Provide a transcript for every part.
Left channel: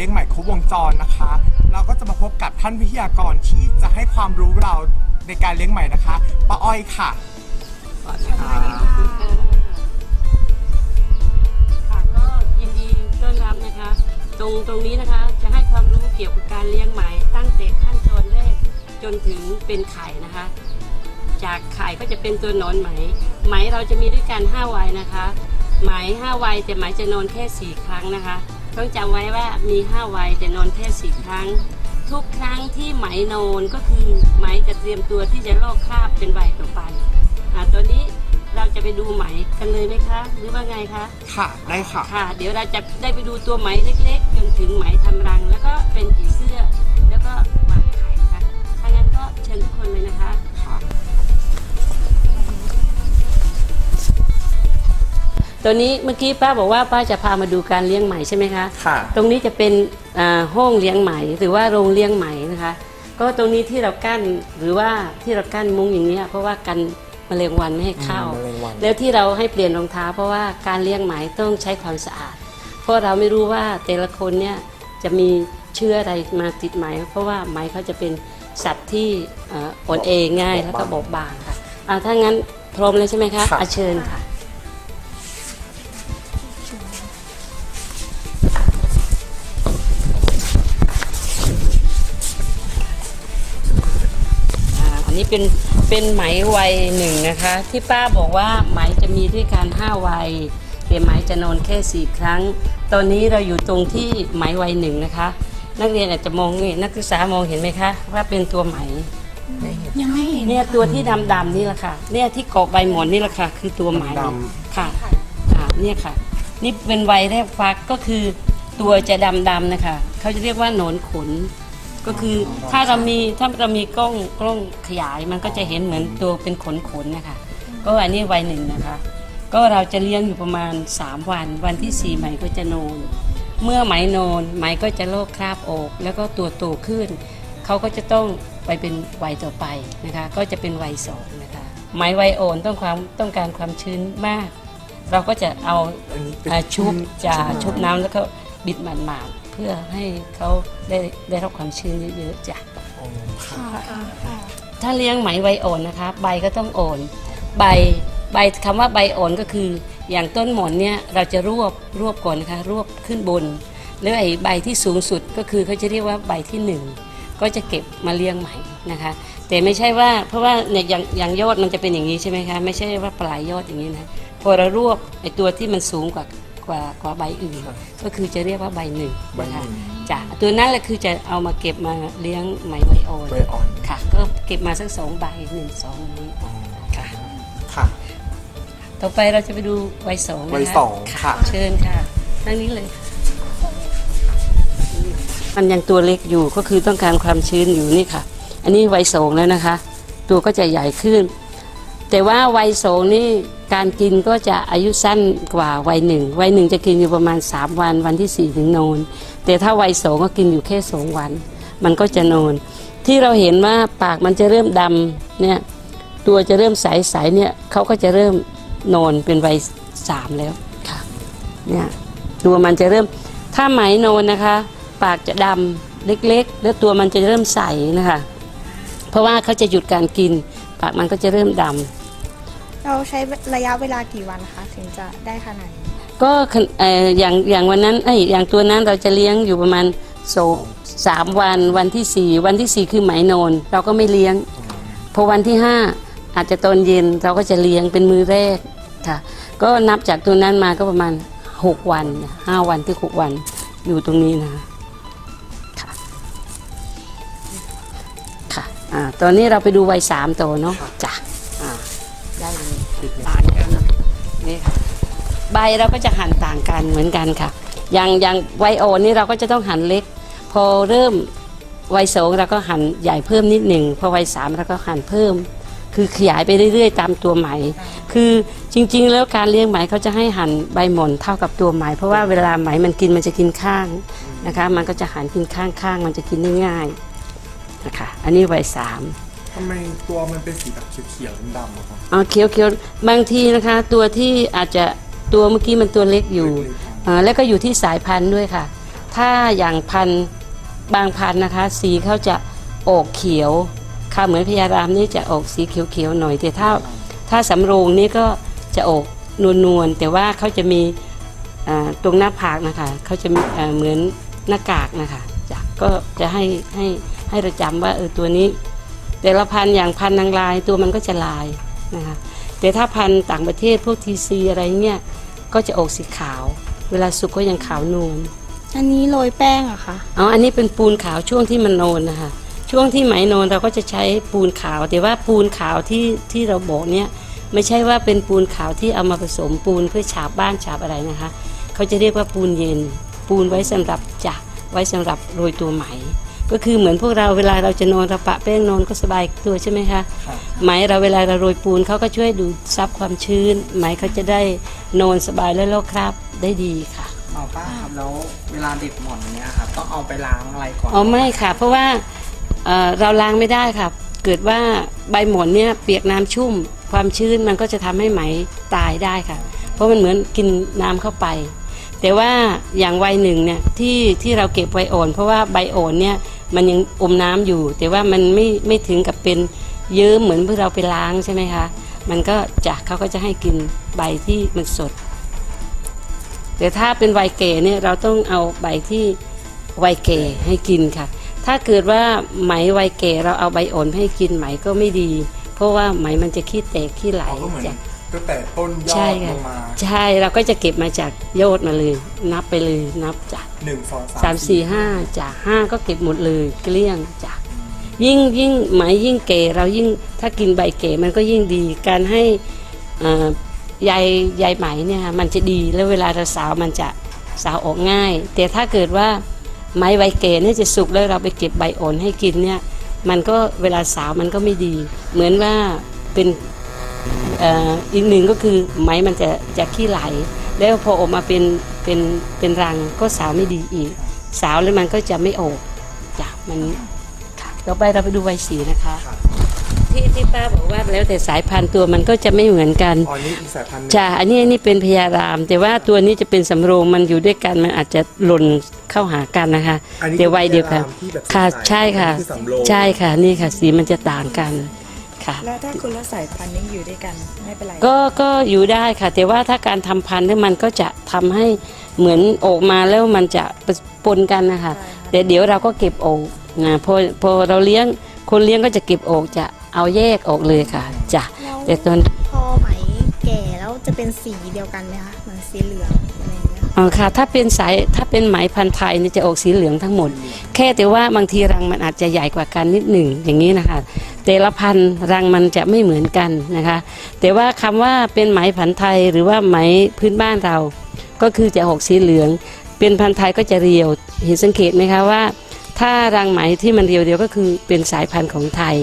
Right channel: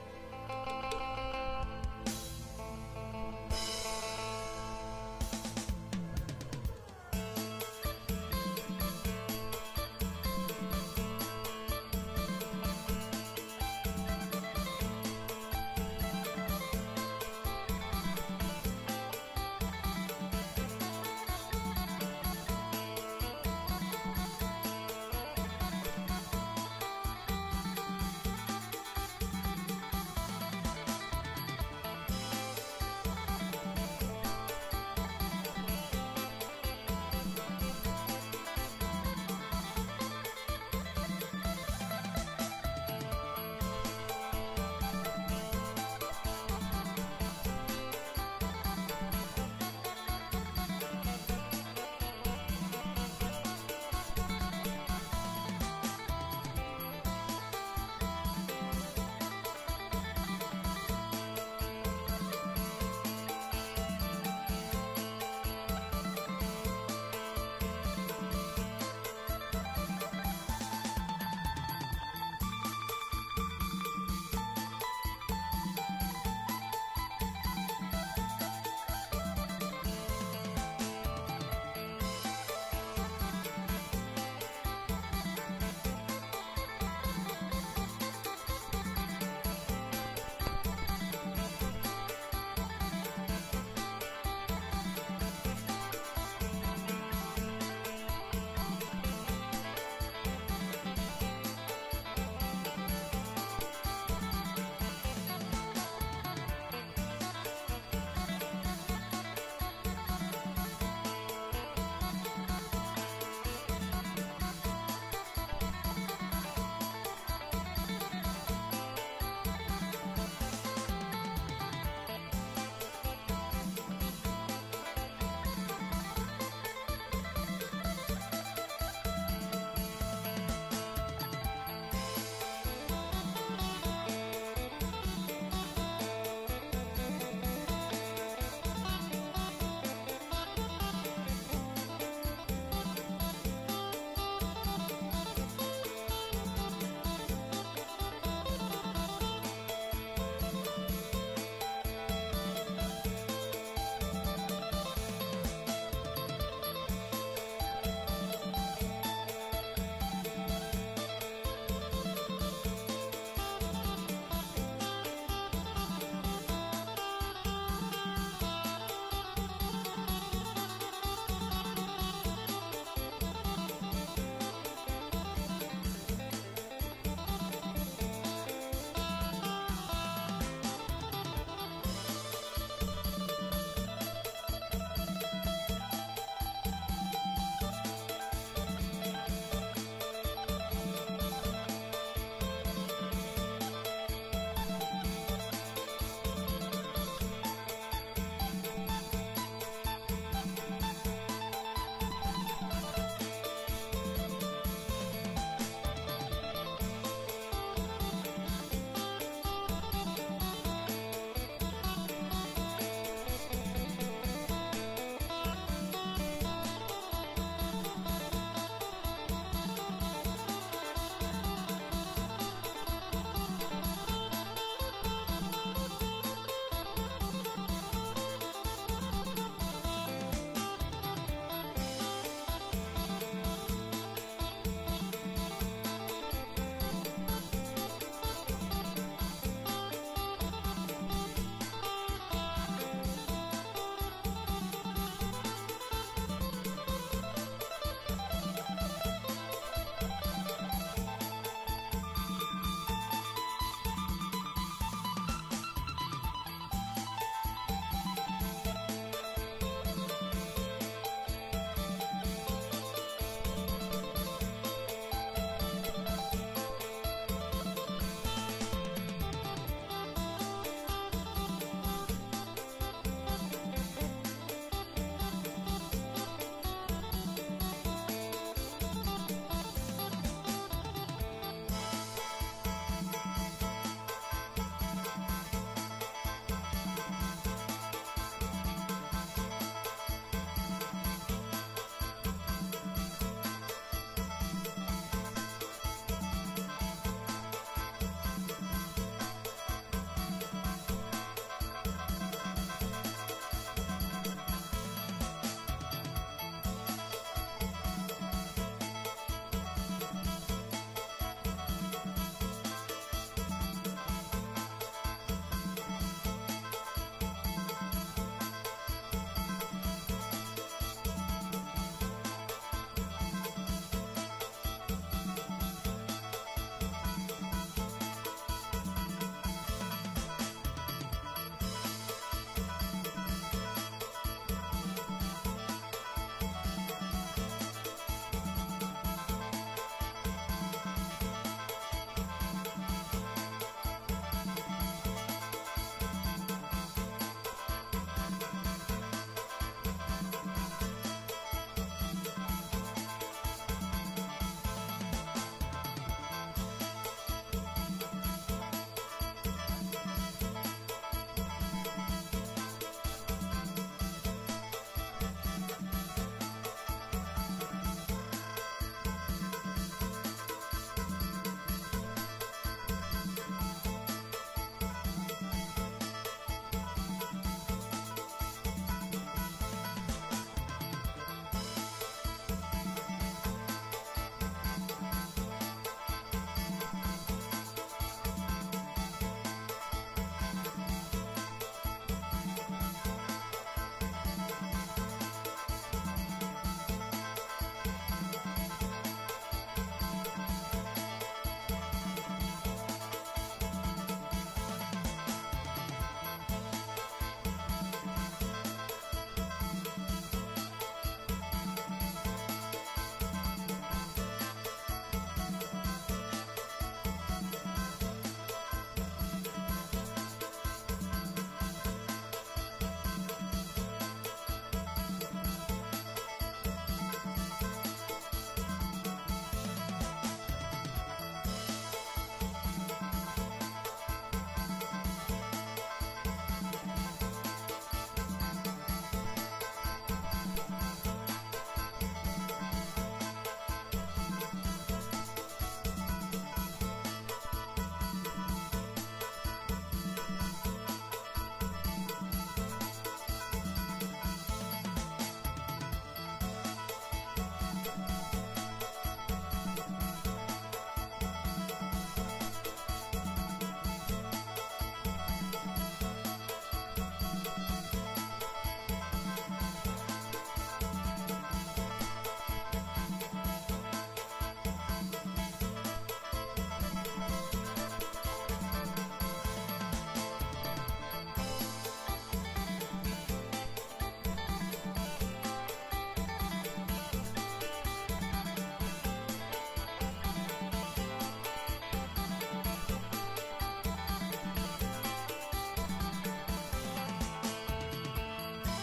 เลี้ยงไหม่ครบวงจรนะคะ เราก็จะมาพบกับท่านวิทยากรที่จะให้ความรู้เราในการเลี้ยงไหม่นะคะป้าอ้อยค่ะสวัสดีค่ะค่ะก็ยินดีต้อนรับนะคะ ตรงตรงนี้นะคะจะให้ความรู้เกี่ยวกับการเลี้ยงไหมตั้งแต่ขั้นตอนแรกจนถึงเป็นไข่นะคะ จากไข่ก็จะเป็นตัวหนอนไหม ไหมเราจะมีด้วยกัน5วัยนะคะ ไหม5วัยแต่ไหมจะนอนแค่ 4 ครั้งนะคะ ต้องจำไว้ว่ามี5วัยแต่นอนแค่4ครั้ง ทุกครั้งที่ไหมนอนก็คือไหมจะเตรียมตัวที่จะลอกคราบเป็นใบต่อไปอ่าตัวนี้เราจะไปดูไหมกันเลยไหมคะ หรือว่าไงคะ ค่ะ ได้ค่ะ ค่ะ เดี๋ยวเราจะได้ไปดูตัวไหมเล็กๆจนถึงไหมทำรัง แล้วก็เป็นผีเสื้อ ตัวนี้เมื่อกี้ป้าบอกว่าป้าจะพามาดูการเลี้ยงไหมใช่ไหมคะ ค่ะ ตรงนี้จะเป็นอ่าห้องเลี้ยงไหมหรือว่าโรงเลี้ยงไหมนะคะ ก็ตรงนี้ที่เรากั้นหรือว่าที่เรากั้นมุ้งอย่างนี้ยเพราะว่ากันแมลงวันไม่ให้เข้า อืมแมลงวัน แล้วที่เราให้เปลี่ยนรองเท้า เพราะว่าการเลี้ยงไหมต้องใช้ความสะอาด เพราะเราไม่รู้ว่าแต่ละคนเนี่ยจะมีเชื้ออะไรมาติดไหม เพราะว่าไหมเขาจะเป็นสัตว์ที่เอ่ออ่อนเองง่ายแล้วก็บอบบางค่ะอ่าถ้างั้นพร้อมเลยใช่ไหมคะค่ะอาเชิญค่ะ นนี้เป็นเป็นไหมวัยหนึ่งนะคะ ที่ป้าบอกว่าไหมจะมีด้วยกัน5วัยแต่ไหมจะนอนแค่ 4 ครั้ง ตอนนี้เราอยู่ตรงที่ไหมวัยหนึ่งนะคะ นักเรียนอาจจะมองนี่นักศึกษามองเห็นไหมคะว่าเป็นตัวไหมยังไม่เห็นเนี่ยตัวที่ดำๆนี่แหละค่ะเนี่ยที่เกาะใบหมอนนี่แหละค่ะคือตัวไหมดค่ะอ่าเนี่ยค่ะ นี่เป็นวัยแรกฟักก็คือตัวจะดำๆนะคะเขาจะเรียกว่าหนอนขน ก็คือถ้าเรามีถ้าเรามีกล้องกล้องขยายมันก็จะเห็นเหมือนตัวเป็นขนขนๆนะคะ ก็อันนี้วัยหนึ่งนะคะ ก็เราจะเลี้ยงอยู่ประมาณ 3 วัน วันที่4ไหมก็จะโนนเมื่อไหมโนนไหมก็จะโลกคราบออก แล้วก็ตัวโตขึ้น เขาก็จะต้องไปเป็นวัยต่อไปนะคะ ก็จะเป็นวัยสองนะคะไหมวัยโอนต้องความต้องการความชื้นมาก เราก็จะเอาอันนี้เป็นอ่าชุบจะชุบน้ำแล้วก็บิดหมาดๆ เพื่อให้เขาได้ได้รับความชื้นเยอะๆจ้ะค่ะถ้าเลี้ยงไหมใบอ่อนนะคะ ใบก็ต้องอ่อนใบใบคำว่าใบอ่อนก็คือ อย่างต้นหมอนเนี่ยเราจะรวบรวบก่อนนะคะรวบขึ้นบนแล้วไอ้ใบที่สูงสุดก็คือเขาจะเรียกว่าใบที่หนึ่งก็จะเก็บมาเลี้ยงใหม่นะคะ แต่ไม่ใช่ว่าเพราะว่าเนี่ยอย่างอย่างยอดมันจะเป็นอย่างนี้ใช่ไหมคะไม่ใช่ว่าปลายยอดอย่างนี้นะพอเรารวบไอ้ตัวที่มันสูงกว่า กว่ากว่าใบอื่น ก็คือจะเรียกว่าใบหนึ่งใบนะหคะนึ่งจ้ะตัวนั้นแหละคือจะเอามาเก็บมาเลี้ยงไหมใบอ่อนใบอ่อนค่ะ ก็เก็บมาสักสองใบหนึ่งสองนี้ค่ะ ค่ะ ต่อไปเราจะไปดูใบสองนะคะใบสองค่ะ เชิญค่ะนั่งนี้เลยมันยังตัวเล็กอยู่ก็คือต้องการความชื้นอยู่นี่ค่ะ อันนี้วัยสองแล้วนะคะ ตัวก็จะใหญ่ขึ้น แต่ว่าวัยสองนี่ การกินก็จะอายุสั้นกว่าวัยหนึ่งวัยหนึ่งจะกินอยู่ประมาณ 3 วันวันที่4ี่ถึงนอนแต่ถ้าวัยสองก็กินอยู่แค่สองวัน มันก็จะนอน ที่เราเห็นว่าปากมันจะเริ่มดำเนี่ยตัวจะเริ่มใสๆเนี่ยเขาก็จะเริ่มนอนเป็นวัยสามแล้วค่ะเนี่ยตัวมันจะเริ่มถ้าไหมนอนนะคะ ปากจะดำเล็กๆ แล้วตัวมันจะเริ่มใสนะคะ เพราะว่าเขาจะหยุดการกิน ปากมันก็จะเริ่มดำ เราใช้ระยะเวลากี่วันคะถึงจะได้ขนาดนี้ก็เอ่ออย่างอย่างวันนั้นเอ้ยอย่างตัวนั้นเราจะเลี้ยงอยู่ประมาณโซสามวันวันที่สี่วันที่สี่คือไหมโนนเราก็ไม่เลี้ยงพอวันที่ห้าอาจจะตอนเย็นเราก็จะเลี้ยงเป็นมือแรกค่ะ ก็นับจากตัวนั้นมาก็ประมาณหกวันห้าวันที่หกวันอยู่ตรงนี้นะค่ะค่ะอ่าตอนนี้เราไปดูวัยสามตัวเนาะจ้ะ ใบเราก็จะหั่นต่างกันเหมือนกันค่ะ อย่างอย่างไวโอนนี่เราก็จะต้องหั่นเล็ก พอเริ่มวัยสองเราก็หั่นใหญ่เพิ่มนิดหนึ่งพอวัยสามเราก็หั่นเพิ่ม คือขยายไปเรื่อยๆ ตามตัวไหม คือจริง ๆ แล้วการเลี้ยงไหมเขาจะให้หั่นใบหม่อนเท่ากับตัวไหม เพราะว่าเวลาไหมมันกินมันจะกินข้างนะคะ มันก็จะหั่นกินข้างๆมันจะกินได้ง่ายนะคะ อันนี้วัยสามทำไมตัวมันเป็นสีแบบเขียวๆดำๆอะครับ เอาเคี้ยวเคี้ยวบางทีนะคะ ตัวที่อาจจะ ตัวเมื่อกี้มันตัวเล็กอยู่อ่าแล้วก็อยู่ที่สายพันธุ์ด้วยค่ะ ถ้าอย่างพันธุ์บางพันธุ์นะคะ สีเขาจะออกเขียว ค่ะเหมือนพญารามนี่จะออกสีเขียวๆหน่อย แต่ถ้าถ้าสำโรงนี่ก็จะออกนวลๆแต่ว่าเขาจะมีอ่าตรงหน้าผากนะคะเขาจะมีอ่าเหมือนหน้ากากนะคะจ้ะก็จะให้ให้ให้เราจำว่าเออตัวนี้ แต่ละพันธุ์อย่างพันธุ์นางลายตัวมันก็จะลายนะคะ แต่ถ้าพันธุ์ต่างประเทศพวกทีซีอะไรเงี้ยก็จะออกสีขาว เวลาสุกก็ยังขาวนวลอันนี้โรยแป้งเหรอะคะอ๋ออันนี้เป็นปูนขาวช่วงที่มันโนนนะคะช่วงที่ไหมโนนเราก็จะใช้ปูนขาว แต่ว่าปูนขาวที่ที่เราบอกเนี่ยไม่ใช่ว่าเป็นปูนขาวที่เอามาผสมปูนเพื่อฉาบบ้านฉาบอะไรนะคะ เขาจะเรียกว่าปูนเย็น ปูนไว้สำหรับจักไว้สำหรับโรยตัวไหม ก็คือเหมือนพวกเราเวลาเราจะนอนเราปะแป้งนอนก็สบายตัวใช่ไหมคะไหมเราเวลาเราโรยปูนเขาก็ช่วยดูดซับความชื้น ไหมเขาจะได้นอนสบายและลอกคราบได้ดีค่ะเอาป้าครับแล้วเวลาเด็ดหมอนเนี้ยครับต้องเอาไปล้างอะไรก่อนอ๋อไม่ค่ะ เพราะว่าเอ่อเราล้างไม่ได้ค่ะเกิดว่าใบหมอนเนี่ยเปียกน้ำชุ่ม ความชื้นมันก็จะทำให้ไหมตายได้ค่ะ เพราะมันเหมือนกินน้ำเข้าไป แต่ว่าอย่างวัยหนึ่งเนี่ยที่ที่เราเก็บไว้อ่อน เพราะว่าใบอ่อนเนี่ย มันยังอมน้ำอยู่ แต่ว่ามันไม่ไม่ถึงกับเป็นเยิ้มเหมือนเพื่อเราไปล้างใช่ไหมคะ มันก็จะเขาก็จะให้กินใบที่มันสด แต่ถ้าเป็นวัยแก่เนี่ยเราต้องเอาใบที่วัยแก่ให้กินค่ะ ถ้าเกิดว่าไหมวัยแก่เราเอาใบอ่อนให้กินไหมก็ไม่ดี เพราะว่าไหมมันจะขี้แตกขี้ไหลอ๋อก็เหมือนจ้ะ ตั้งแต่ต้นยอใช่ดลค่ะงมาใช่เราก็จะเก็บมาจากโยอดมาเลย นับไปเลยนับจากหนึ่งสองสามสี่ห้าจากห้าก็เก็บหมดเลยเกลี้ยงจากยิ่งยิ่งไหมยิ่งเก๋เรายิ่งถ้ากินใบเก๋มันก็ยิ่งดี การให้เอ่อใยใยไหมเนี่ยค่ะมันจะดีแล้วเวลาเราสาวมันจะสาวออกง่าย แต่ถ้าเกิดว่าไม้ใบเก๋เนี่ยจะสุกแล้วเราไปเก็บใบอ่อนให้กินเนี่ยมันก็เวลาสาวมันก็ไม่ดี เหมือนว่าเป็นเอ่ออีกหนึ่งก็คือไม้มันจะจะขี้ไหล แล้วพอออกมาเป็นเป็นเป็นรังก็สาวไม่ดีอีก สาวแล้วมันก็จะไม่ออกจ้ะมันค่ะต่อไปเราไปดูใบสีนะคะที่ที่ป้าบอกว่าแล้วแต่สายพันธุ์ตัวมันก็จะไม่เหมือนกันอ๋อนี่อีกสายพันธุ์หนึ่งจ้ะอันนี้อันนี้เป็นพยาราม แต่ว่าตัวนี้จะเป็นสำโรงมันอยู่ด้วยกันมันอาจจะหล่นเข้าหากันนะคะอันนี้แต่วัยเดียวกันที่แบบค่ะใสๆใช่ค่ะอันนี้อสำโรงใช่ค่ะนี่ค่ะสีมันจะต่างกัน ค่ะ แล้วถ้าคุณละสายพันธุ์นี้อยู่ด้วยกันไม่เป็นไรก็ก็อยู่ได้ค่ะ แต่ว่าถ้าการทำพันธุ์เนี่ยมันก็จะทำให้เหมือนออกมาแล้วมันจะปนกันนะคะแต่เดี๋ยวเราก็เก็บออกนะพอพอเราเลี้ยงคนเลี้ยงก็จะเก็บออกจะเอาแยกออกเลยค่ะจ้ะแล้วแต่ตอนพอไหมแก่แล้วจะเป็นสีเดียวกันไหมคะเหมือนสีเหลืองอะไรอย่างเงี้ยอ๋อค่ะ ถ้าเป็นสายถ้าเป็นไหมพันธุ์ไทยเนี่ยจะออกสีเหลืองทั้งหมด แค่แต่ว่าบางทีรังมันอาจจะใหญ่กว่ากันนิดหนึ่งอย่างนี้นะคะ แต่ละพันธุ์รังมันจะไม่เหมือนกันนะคะ แต่ว่าคำว่าเป็นไหมพันธุ์ไทยหรือว่าไหมพื้นบ้านเรา ก็คือจะออกสีเหลือง เป็นพันธุ์ไทยก็จะเรียวเห็นสังเกตไหมคะว่า ถ้ารังไหมที่มันเรียวเดียวก็คือเป็นสายพันธุ์ของไทย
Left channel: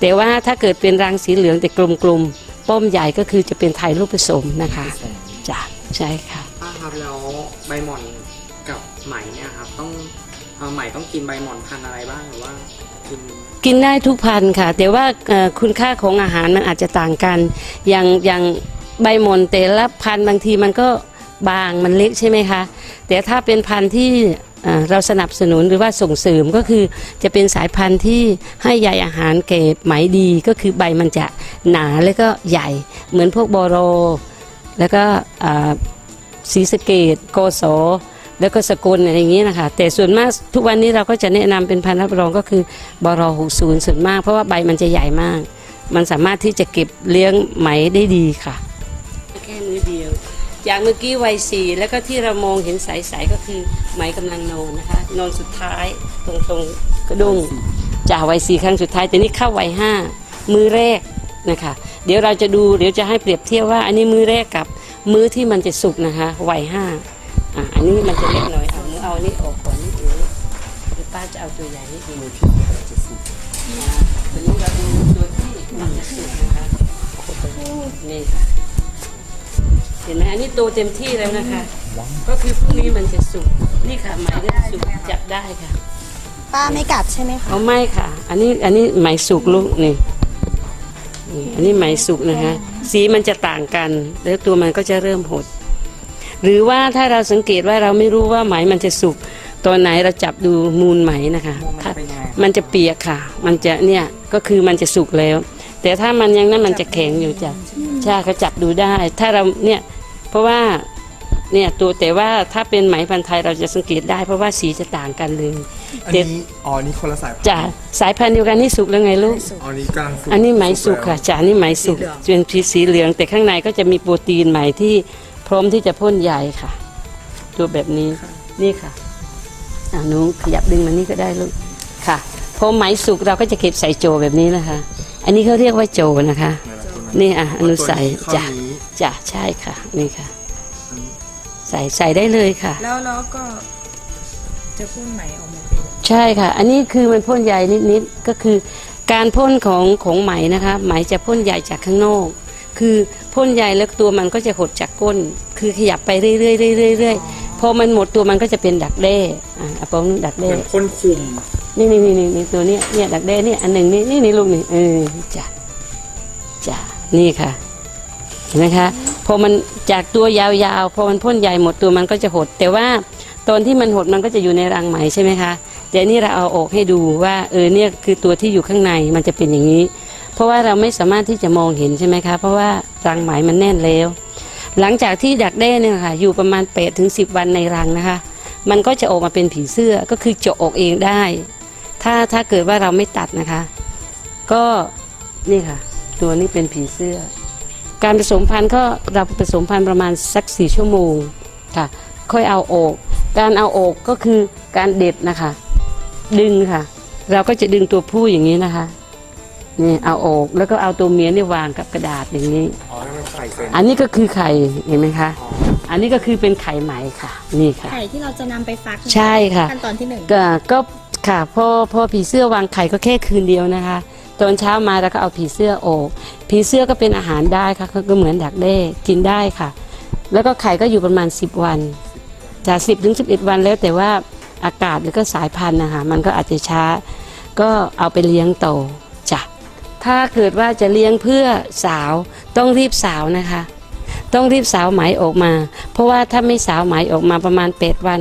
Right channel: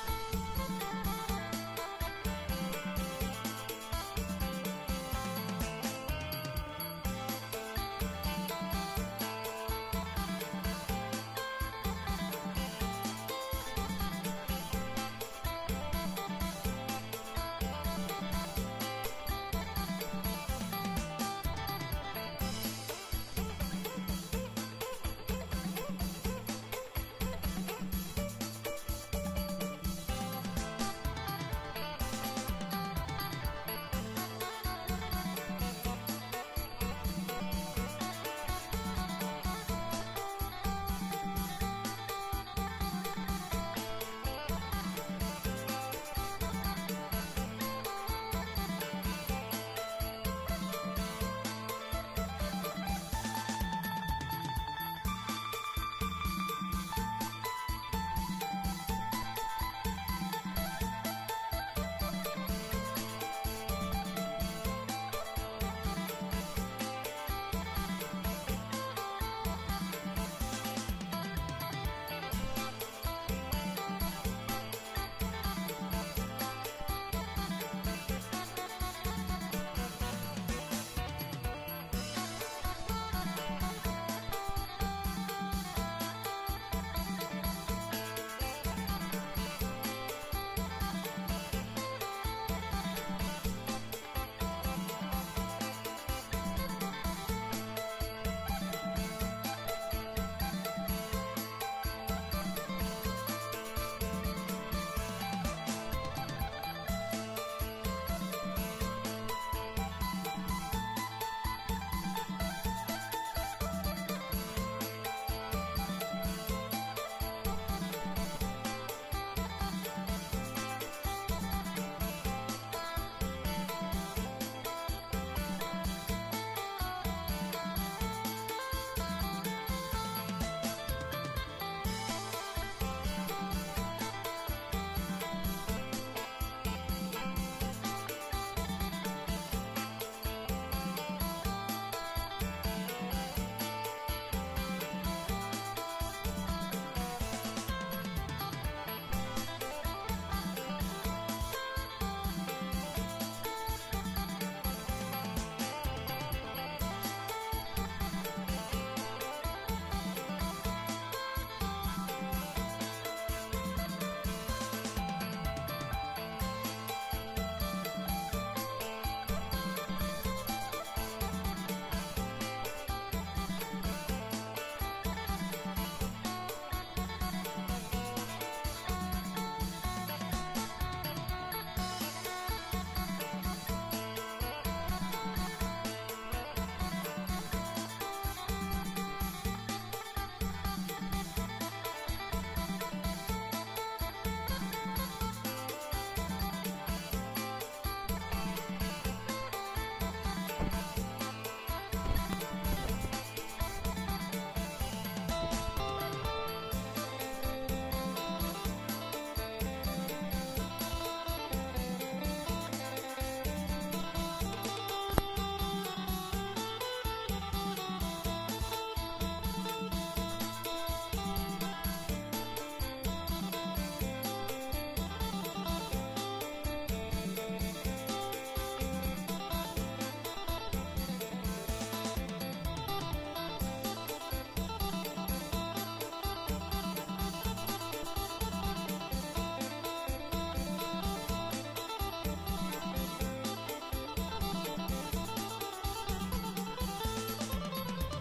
แต่ว่าถ้าเกิดเป็นรังสีเหลืองแต่กลมๆป้อมใหญ่ก็คือจะเป็นไทยลูกผสมนะคะจ้ะใช่ค่ะป้าครับแล้วใบหมอนกับไหมเนี่ยครับต้องเอาไหมต้องกินใบหมอนพันอะไร กินได้ทุกพันธุ์ค่ะ แต่ว่าคุณค่าของอาหารมันอาจจะต่างกัน อย่างอย่างใบมอนแต่ละพันธุ์บางทีมันก็บางมันเล็กใช่ไหมคะ แต่ถ้าเป็นพันธุ์ที่เราสนับสนุนหรือว่าส่งเสริมก็คือจะเป็นสายพันธุ์ที่ให้ใยอาหารเก็บไหมดีก็คือใบมันจะหนาแล้วก็ใหญ่ เหมือนพวกบอโร แล้วก็อ่าซีสเกดโกโส แล้วก็สกุลอะไรอย่างนี้นะคะแต่ส่วนมากทุกวันนี้เราก็จะแนะนำเป็นพันธุ์รับรองก็คือบรหกศูนย์ส่วนมาก เพราะว่าใบมันจะใหญ่มาก มันสามารถที่จะเก็บเลี้ยงไหมได้ดีค่ะแค่มือเดียว อย่างเมื่อกี้วัยสี่แล้วก็ที่เรามองเห็นใสๆก็คือไหมกำลังนอนนะคะนอนสุดท้ายตรงตรงๆกระดุงจ่าวัยสี่ครั้งสุดท้ายแต่นี่เข้าวัยห้ามือแรกนะคะเดี๋ยวเราจะดูเดี๋ยวจะให้เปรียบเทียบว่า อันนี้มือแรกกับมือที่มันจะสุกนะคะวัยห้า อะอันนี้มันจะเล็กหน่อยเอาเอาอันนี้ออกก่อนนิดนึงเดี๋ยวป้าจะเอาตัวใหญ่นิดนึงตัวนี้เราดูตัวที่มันจะสุกนะคะนี่เห็นไหมอันนี้โตเต็มที่แล้วนะคะ ก็คือพรุ่งนี้มันจะสุกนี่ค่ะไหมเริ่มสุกจับได้ค่ะป้าไม่กัดใช่ไหมคะเอาไม่ค่ะ อันนี้อันนี้ไหมสุกลูกนี่นี่อันนี้ไหมสุกนะคะ สีมันจะต่างกัน แล้วตัวมันก็จะเริ่มหด หรือว่าถ้าเราสังเกตว่าเราไม่รู้ว่าไหมมันจะสุกตอนไหนเราจับดูมูลไหมนะคะมันถ้าเป็นยังไงมันจะเปียกค่ะ มันจะเนี่ยก็คือมันจะสุกแล้ว แต่ถ้ามันยังนั่นมันจะแข็งอยู่จ้ะใช่เขาจับดูได้ ถ้าเราเนี่ยเพราะว่าเนี่ยตัวแต่ว่าถ้าเป็นไหมพันธุ์ไทยเราจะสังเกตได้ เพราะว่าสีจะต่างกันเลยอันนี้อ๋อนี่คนละสายพันธุ์จ้ะสายพันธุ์เดียวกันนี่สุกแล้วไงลูกอ๋อนี่กำลังสุกอันนี้ไหมสุกค่ะแล้วจ้ะอันนี้ไหมสุกเป็นพีสีเหลือง แต่ข้างในก็จะมีโปรตีนไหมที่ พร้อมที่จะพ่นใยค่ะ ตัวแบบนี้นี่ค่ะอ่าหนูขยับดึงมานี่ก็ได้ลูกค่ะพอไหมสุกเราก็จะเก็บใส่โจแบบนี้นะคะ อันนี้เขาเรียกว่าโจนะคะ นี่อะอนุใส่ตัวจ้ะนี้จ้ะใช่ค่ะนี่ค่ะ ใส่ใส่ได้เลยค่ะ แล้วแล้วก็จะพ่นไหมออกมาเป็นใช่ค่ะ อันนี้คือมันพ่นใยนิดๆก็คือการพ่นของของไหมนะคะ ไหมจะพ่นใยจากข้างนอก คือพ่นใยแล้วตัวมันก็จะหดจากก้น คือขยับไปเรื่อยๆเรื่อยๆเรื่อยๆพอมันหมดตัวมันก็จะเป็นดักแด้อะเอาปองดักเหแด้มือนคนคุมนี่นี่นี่นี่ตัวเนี้ยเนี่ยดักแด้เนี่ยอันหนึ่งนี่นี่นี่ลูกนี่เออจ้ะจ้ะนี่ค่ะเห็นไหมคะพอมันจากตัวยาวๆพอมันพ่นใยหมดตัวมันก็จะหด แต่ว่าตอนที่มันหดมันก็จะอยู่ในรังไหมใช่ไหมคะเดี๋ยวนี้เราเอาออกให้ดูว่าเออเนี่ยคือตัวที่อยู่ข้างในมันจะเป็นอย่างนี้ เพราะว่าเราไม่สามารถที่จะมองเห็นใช่ไหมคะ เพราะว่ารังไหมมันแน่นแล้ว หลังจากที่ดักแด้เนี่ยค่ะอยู่ประมาณ8ถึง10วันในรังนะคะ มันก็จะออกมาเป็นผีเสื้อก็คือเจาะออกเองได้ ถ้าถ้าเกิดว่าเราไม่ตัดนะคะ ก็นี่ค่ะ ตัวนี้เป็นผีเสื้อ การผสมพันธุ์ก็เราผสมพันธุ์ประมาณสักสี่ชั่วโมงค่ะ ค่อยเอาออก การเอาออกก็คือการเด็ดนะคะ ดึงค่ะ เราก็จะดึงตัวผู้อย่างนี้นะคะ นี่เอาออกแล้วก็เอาตัวเมียนี่วางกับกระดาษอย่างนี้ อ๋อนั่นมันไข่เป็นอันนี้ก็คือไข่เห็นไหมคะ อันนี้ก็คือเป็นไข่ไหมค่ะ นี่ค่ะ ไข่ที่เราจะนำไปฟักนใช่ค่ะ ขั้นตอนที่หนึ่งก็ก็ค่ะพอพอผีเสื้อวางไข่ก็แค่คืนเดียวนะคะ ตอนเช้ามาเราก็เอาผีเสื้อออกผีเสื้อก็เป็นอาหารได้ค่ะก็ก็เหมือนดักแด้กินได้ค่ะ แล้วก็ไข่ก็อยู่ประมาณ 10 วัน จาก 10ถึง11 วันแล้วแต่ว่าอากาศหรือก็สายพันธุ์นะคะมันก็อาจจะช้า ก็เอาไปเลี้ยงโตจ้ะ ถ้าเกิดว่าจะเลี้ยงเพื่อสาวต้องรีบสาวนะคะ ต้องรีบสาวไหมออกมา เพราะว่าถ้าไม่สาวไหมออกมาประมาณ8วัน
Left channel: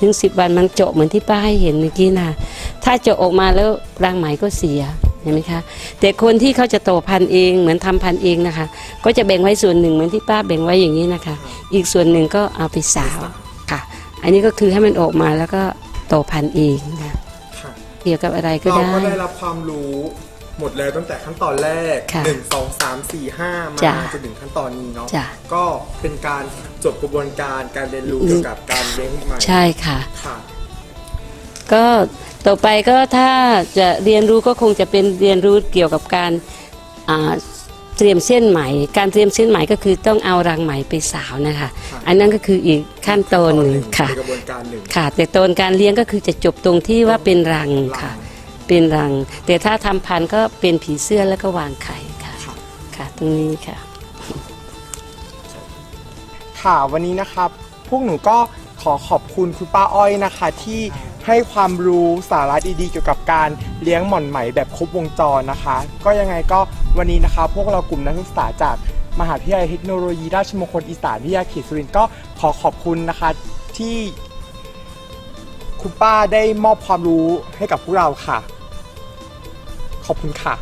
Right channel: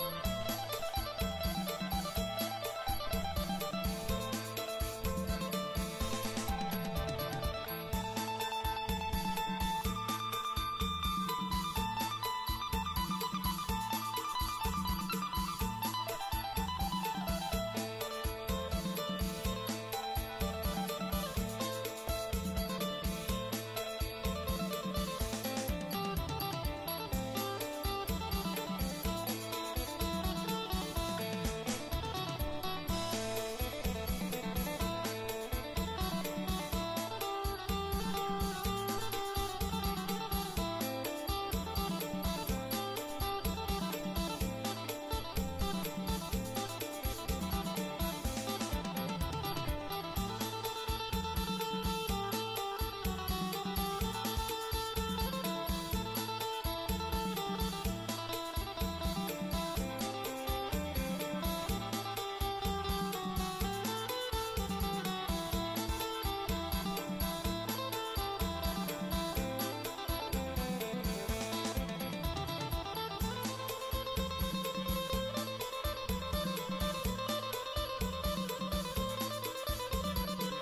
ถึง 10 วันมันเจาะเหมือนที่ป้าให้เห็นเมื่อกี้นะถ้าเจาะออกมาแล้วรังไหมก็เสียเห็นไหมคะแต่คนที่เขาจะโตพันธุ์เองเหมือนทำพันธุ์เองนะคะ ก็จะแบ่งไว้ส่วนหนึ่งเหมือนที่ป้าแบ่งไว้อย่างนี้นะคะ อีกส่วนหนึ่งก็เอาไปสาวค่ะ อันนี้ก็คือให้มันออกมาแล้วก็โตพันธุ์เองนะค่ะเกี่ยวกับอะไรก็เราได้ก็ได้รับความรู้ หมดเลยตั้งแต่ขั้นตอนแรก ค่ะหนึ่งสองสามสี่ห้ามาจ้ะจนถึงขั้นตอนนี้เนาะจ้ะ ก็เป็นการจบกระบวนการการเรียนรู้เกี่ยวกับการเลี้ยงไหมใช่ค่ะ ค่ะ ก็ต่อไปก็ถ้าจะเรียนรู้ก็คงจะเป็นเรียนรู้เกี่ยวกับการอ่าเตรียมเส้นไหม การเตรียมเส้นไหมก็คือต้องเอารังไหมไปสาวนะคะอันนั้นก็คืออีกขั้นตอนหนึ่งค่ะในกระบวนการหนึ่งค่ะ แต่ตอนการเลี้ยงก็คือจะจบตรงที่ว่าเป็นรังค่ะ เป็นรัง แต่ถ้าทำพันธุ์ก็เป็นผีเสื้อแล้วก็วางไข่ค่ะค่ะ ตรงนี้ค่ะ ค่ะวันนี้นะครับ พวกหนูก็ขอขอบคุณคุณป้าอ้อยนะคะ ที่ให้ความรู้สาระดีๆเกี่ยวกับการเลี้ยงหม่อนไหมแบบครบวงจรนะคะ ก็ยังไงก็วันนี้นะคะ พวกเรากลุ่มนักศึกษาจากมหาวิทยาลัยเทคโนโลยีราชมงคลอีสานวิทยาเขตสุรินทร์ก็ขอขอบคุณนะคะที่คุณป้าได้มอบความรู้ให้กับพวกเราค่ะ ขอบคุณค่ะ